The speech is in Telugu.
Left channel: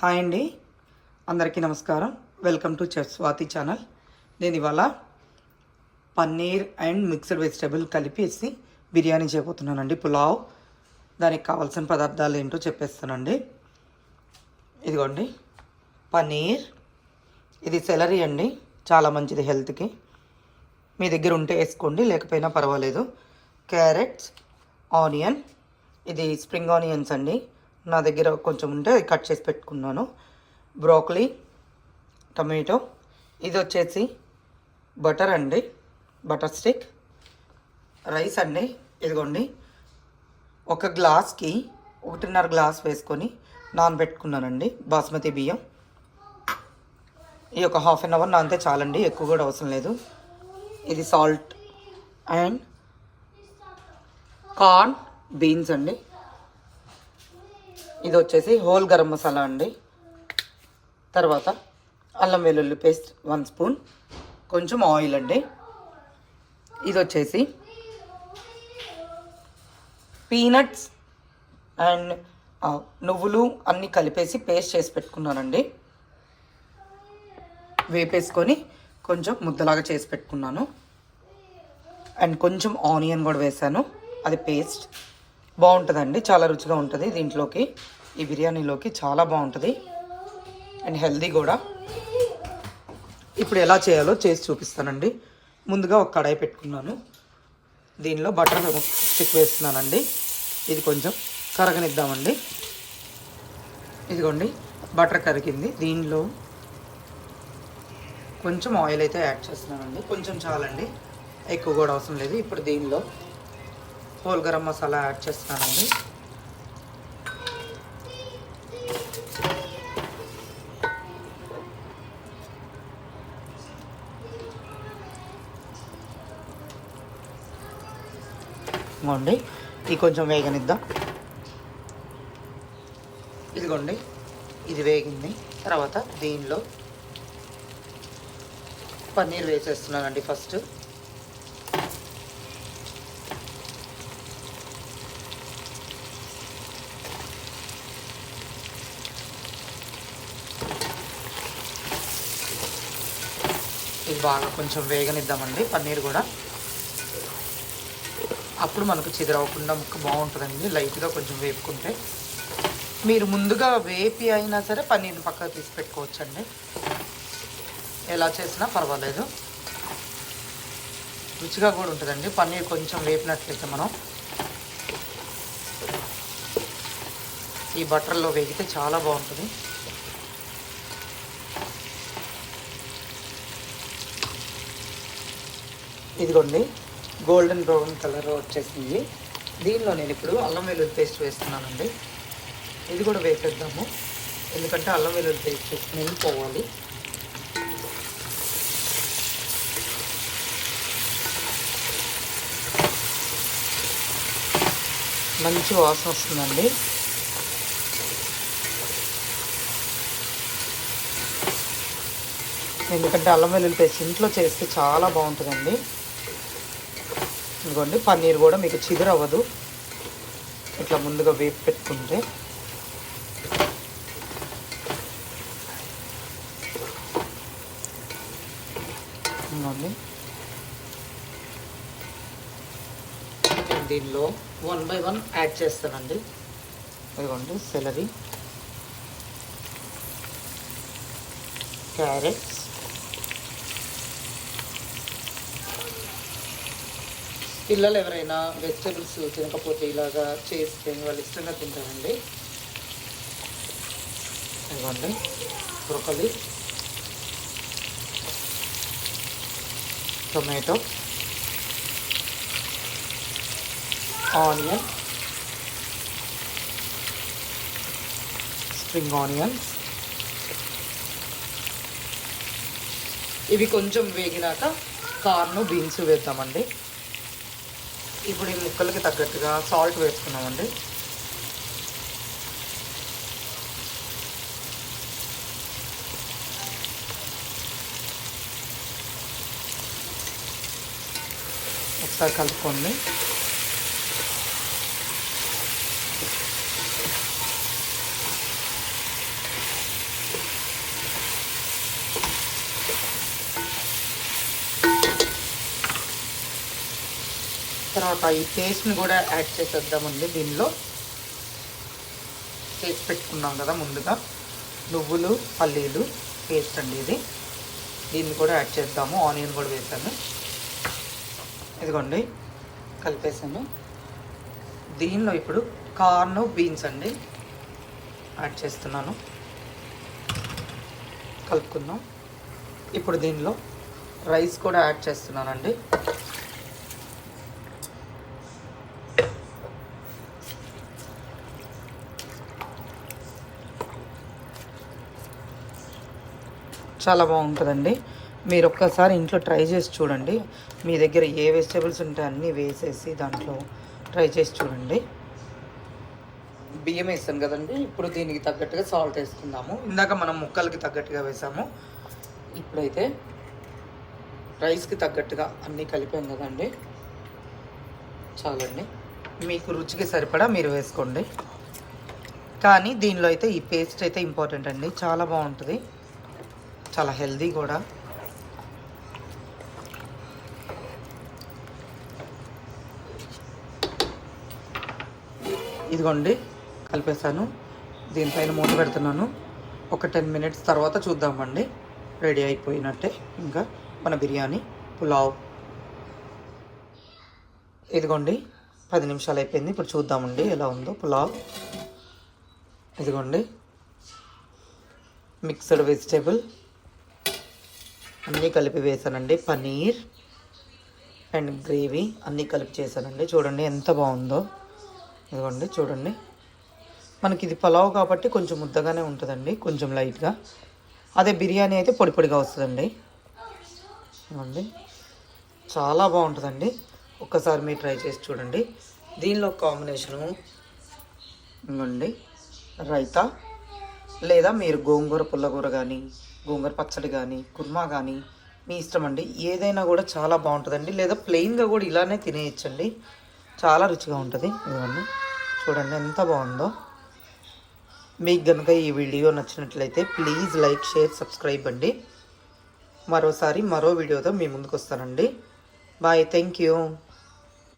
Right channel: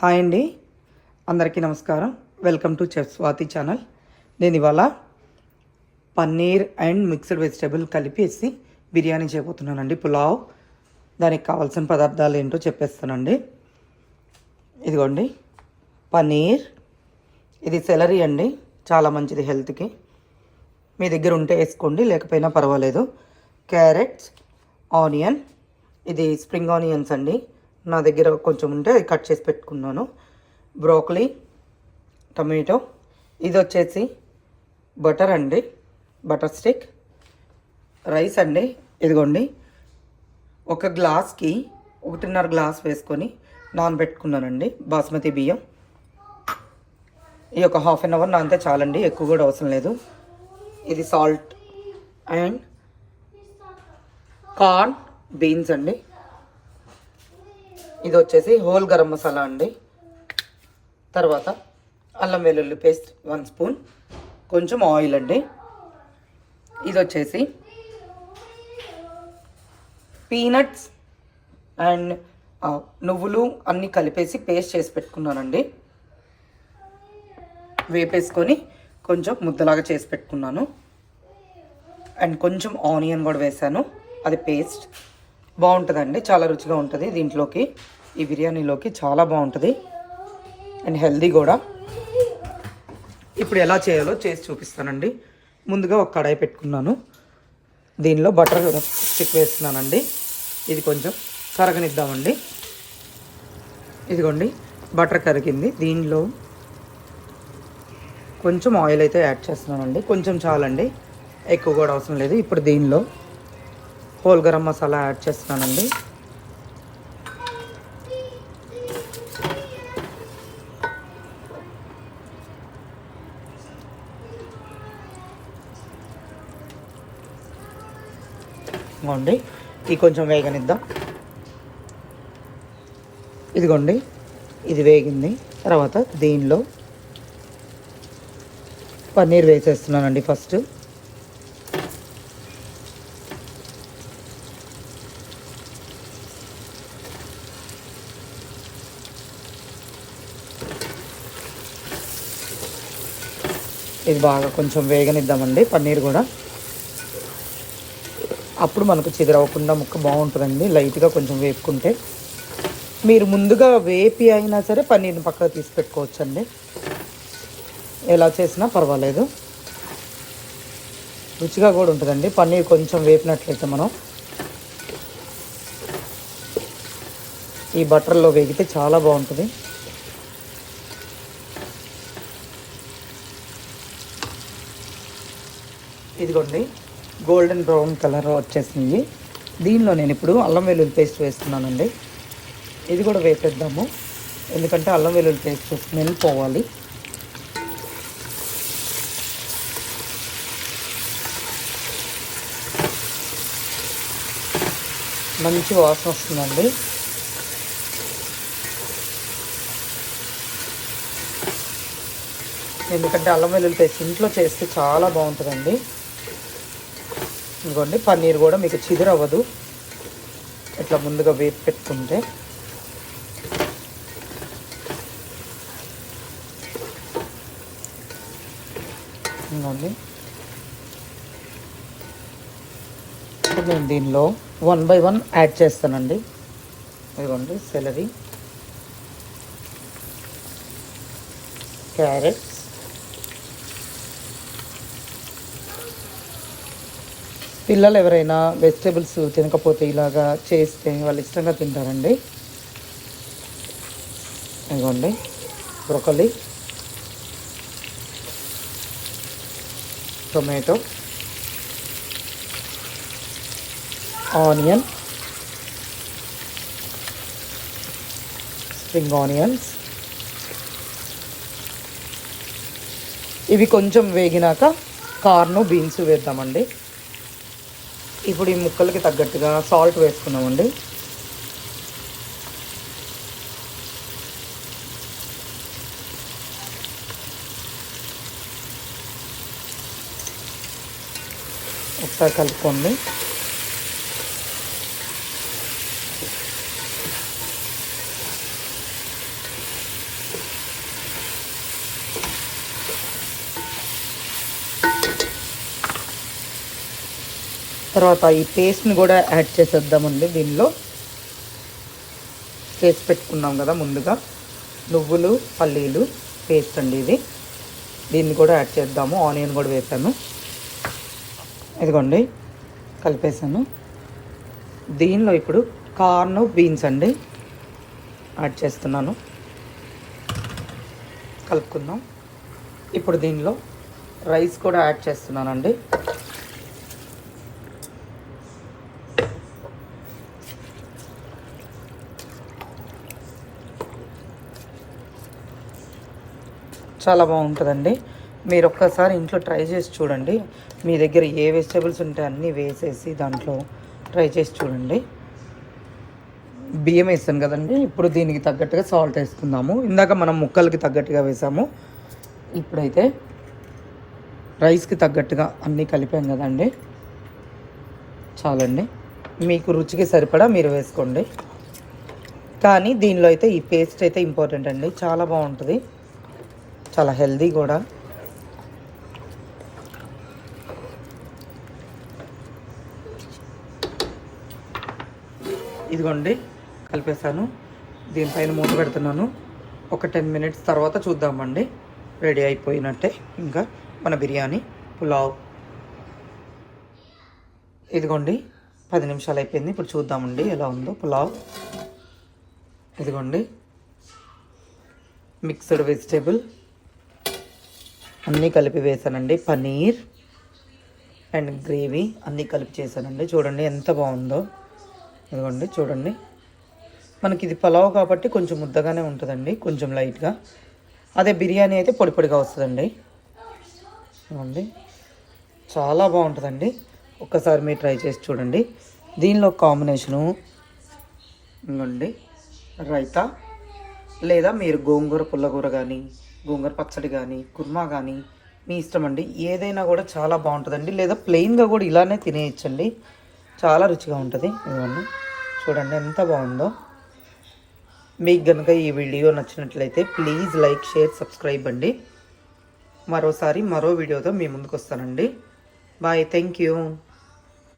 హాయ్ అండి, అందరికీ నమస్కారం. Welcome to chef Swathi channel. నేను ఇవాళ పన్నీర్ అండ్ మిక్స్డ్ వెజిటేబుల్ కలిపేసి బిర్యానీ చేయబోతున్నానండి, పులావ్. దానికి కావాల్సిన పదార్థాలు ఏంటో చెప్పేస్తానండి. ఇదిగోండి పన్నీర్, ఇది సెలరీ అండి, చాలా మంచిది హెల్త్కి. మీ దగ్గర ఉంటే వేసుకోండి, లేకపోయినా పర్వాలేదు. క్యారెట్స్, ఆనియన్, ఇది స్ప్రింగ్ ఆనియన్స్ అండి, నా దగ్గర కొంచెం ఉంటే కట్ చేసి పెట్టుకున్నాను. బ్రోకలీ, టమాటో, ఇది వచ్చేసి బటర్ అండి, బటర్ స్టిక్. రైస్ అండి, ఇదిగోండి ఒక గ్లాస్కి 1.5 గ్లాస్ వేసుకొని నానబెట్టుకున్నానండి బాస్మతి బియ్యం. ఈ ఒక హాఫ్ అన్ అవర్ నానితే చాలండి, ఎక్కువ కూడా అవసరం లేదు. ఇది సాల్ట్ అండ్ కార్న్, బీన్స్ అండి. ఇది వచ్చేసి హోల్ గరం మసాలా అండి. తర్వాత అల్లం వెల్లుల్లి పేస్ట్ 1 స్పూన్, కొంచెం ఆయిల్ అండి. ఇది వచ్చేసి పీనట్స్ అండ్ నువ్వులు అన్నీ కలిపేసి పేస్ట్ చేసి పెట్టుకున్నానండి. వేపేసుకొని కొంచెం ముద్దలాగా చేసి పెట్టుకున్నాను. అండ్ కొంచెం ఆనియన్ కూడా వేసాను, అది పేస్ట్. బాగుంటుందండి, చాలా రుచిగా ఉంటుంది. దీంట్లోకి ఈ బిర్యానీలోకి చాలా బాగుంటుంది అండ్ హెల్దీ కూడా. ఇప్పుడు ఎలా చేయాలో చేసి చూపిస్తానండి. ముందుగా ఒక కడాయి పెట్టుకున్నాను, దీనిలో బటర్ స్టిక్ వేస్తున్నానండి. ఇది కొంచెం కరగనిద్దామండి. ఇదిగోండి బటర్ కరిగింది. దీనిలో కొంచెం ఆయిల్ అయితే యాడ్ చేస్తున్నానండి, కొంచెం చాలండి, ఎక్కువ కూడా అవసరం లేదు. ఇప్పుడు దీనిలో హోల్ గరం మసాలా యాడ్ చేస్తున్నానండి. ఇదిగోండి ఇది కొంచెం వేగనిద్దాం. ఇదిగోండి ఇది వేగింది. తర్వాత దీనిలో పన్నీర్ వేసేస్తున్నానండి ఫస్ట్. ఇది బాగా కొంచెం వేగనిద్దామండి పన్నీర్ కూడా, అప్పుడు మనకు చెదరవకుండా ముక్క బాగుంటుందండి. లైట్గా కొంచెం వేపుకుంటే, మీరు ముందుగా వేపి అయినా సరే పన్నీర్ని పక్కకు తీసి పెట్టుకోవచ్చండి, ఎలా చేసినా పర్వాలేదు. రుచిగా కూడా ఉంటుందండి పన్నీర్ కొంచెం వేపినట్లయితే. మనం ఈ బటర్లో వేగితే చాలా బాగుంటుంది. ఇదిగోండి గోల్డెన్ బ్రౌన్ కలర్ వచ్చేసింది. దీనిలో నేను ఇప్పుడు అల్లం వెల్లుల్లి పేస్ట్ వేస్తున్నానండి. ఇది కూడా వేసేద్దాము, ఎందుకంటే అల్లం వెల్లుల్లి పేస్ట్ స్మెల్ పోవాలి. మంచి వాసన వస్తుందండి. ఎందుకంటే అల్లం వెల్లుల్లి పేస్ట్ ఇంట్లో చేస్తే చాలా బాగుంటుందండి. ఇదిగోండి పన్నీర్ కూడా మీకు చిదురవ్వదు ఇట్లా ముందుగా వేపు పెట్టుకుంటే. ఇదిగోండి నేను దీనిలో 1 by 1 యాడ్ చేస్తానండి. ఇదిగోండి సెలరీ, క్యారెట్స్, పిల్లలు ఎవరైనా వెజిటేబుల్స్ తినకపోతే ఇలాగా చేస్తే వాళ్ళు ఇష్టంగా తింటారండి. ఇదిగోండి broccoli, tomato, onion, spring onions. ఇవి కొంచెం వేగినాక కార్న్, బీన్స్ వేద్దామండి. ఇప్పుడు ఈ ముక్కలకి తగ్గట్టుగా సాల్ట్ వేసుకున్నామండి. ఒకసారి కలుపుకోండి. తర్వాత ఈ పేస్ట్ని కూడా యాడ్ చేసేద్దామండి. దీనిలో చేసి పెట్టుకున్నాం కదా ముందుగా, నువ్వులు పల్లీలు పేస్ట్ అండి ఇది. దీన్ని కూడా యాడ్ చేద్దాము. ఆనియన్ కూడా వేసాను. ఇదిగోండి కలిపేసాను. దీనిలో ఇప్పుడు కార్న్ బీన్స్ అండి యాడ్ చేస్తున్నాను. కలుపుకుందాం. ఇప్పుడు దీనిలో రైస్ కూడా యాడ్ చేస్తున్నానండి. చాలా బాగుంటుందండి. మీరు ఒక్కసారి ఇంట్లో ట్రై చేసి చూడండి. మీ దగ్గర ఏ వెజిటేబుల్స్ ఉంటే అన్నీ వేసేసి దాంట్లో ట్రై చేసి చూడండి. బియ్యం వేస్తాను కదండి. ఇప్పుడు దీనికి తగ్గట్టుగా సాల్ట్ వేసుకుందాము. ఇందాక మనం ముక్కలకి తగ్గట్టుగా వేసాము. ఇప్పుడైతే రైస్కి తగ్గట్టుగా అన్నీ కలిపాను కదండి. చాలండి. మీకు రుచికి సరిపడా మీరు వేసుకోండి. కానీ దీనిలో అయితే ఈ పేస్ట్ అయితే ఇంపార్టెంట్ అండి. చాలా బాగుంటుంది, చాలా హెల్దీ కూడా. ఇదిగోండి కలిపేసాను. దీనిపైన మూత పెడుతున్నాను. ఒక 10 మినిట్స్ తర్వాత చూద్దామండి. రెడీ అయిపోయినట్టే ఇంకా మన బిర్యానీ పులావ్. ఇదిగోండి 10 నిమిషాలు అయిపోయింది. ఇప్పుడు చూద్దామండి ఎలా ఉందో పులావ్. ఇదిగోండి మిక్స్డ్ వెజిటేబుల్ అన్నీ కలిపి వేసానండి. పన్నీర్ అండ్ గ్రేవీ అన్నీ కలిపి చేశానండి. చూడండి ఎంత బాగుందో. ఇదిగోండి చూడండి. మనకి ఇది పులావ్ కాబట్టి కొంచెం ముద్దగానే ఉంటుందండి, కొంచెం లైట్గా. అదే బిర్యానీ అయితే పొడి పొడిగా వస్తుందండి. ఇదిగోండి చాలా బాగుంటుందండి. ఒక్కసారి మీరు ట్రై చేసి చూడండి. దీనిలో కాంబినేషను ఇదిగోండి రైతా, లేదా మీరు గోంగూర పుల్లగూర కానీ, గోంగూర పచ్చడి కానీ, కుర్మా కానీ మీ ఇష్టం అండి. ఏదైనా కూడా చాలా బాగుంటుందండి. లేదా ప్లెయిన్గా కూడా ఇలానే తినేయచ్చండి. చాలా రుచిగా ఉంటుంది. ఇదిగోండి చూడండి ఎంత బాగుందో. మీకు కనుక ఈ వీడియో నచ్చినట్లయితే ప్లీజ్ లైక్, షేర్, సబ్స్క్రైబ్ అండి. మరోసారి మరో వీడియోతో మీ ముందుకు వస్తానండి. బాయ్. Thank you.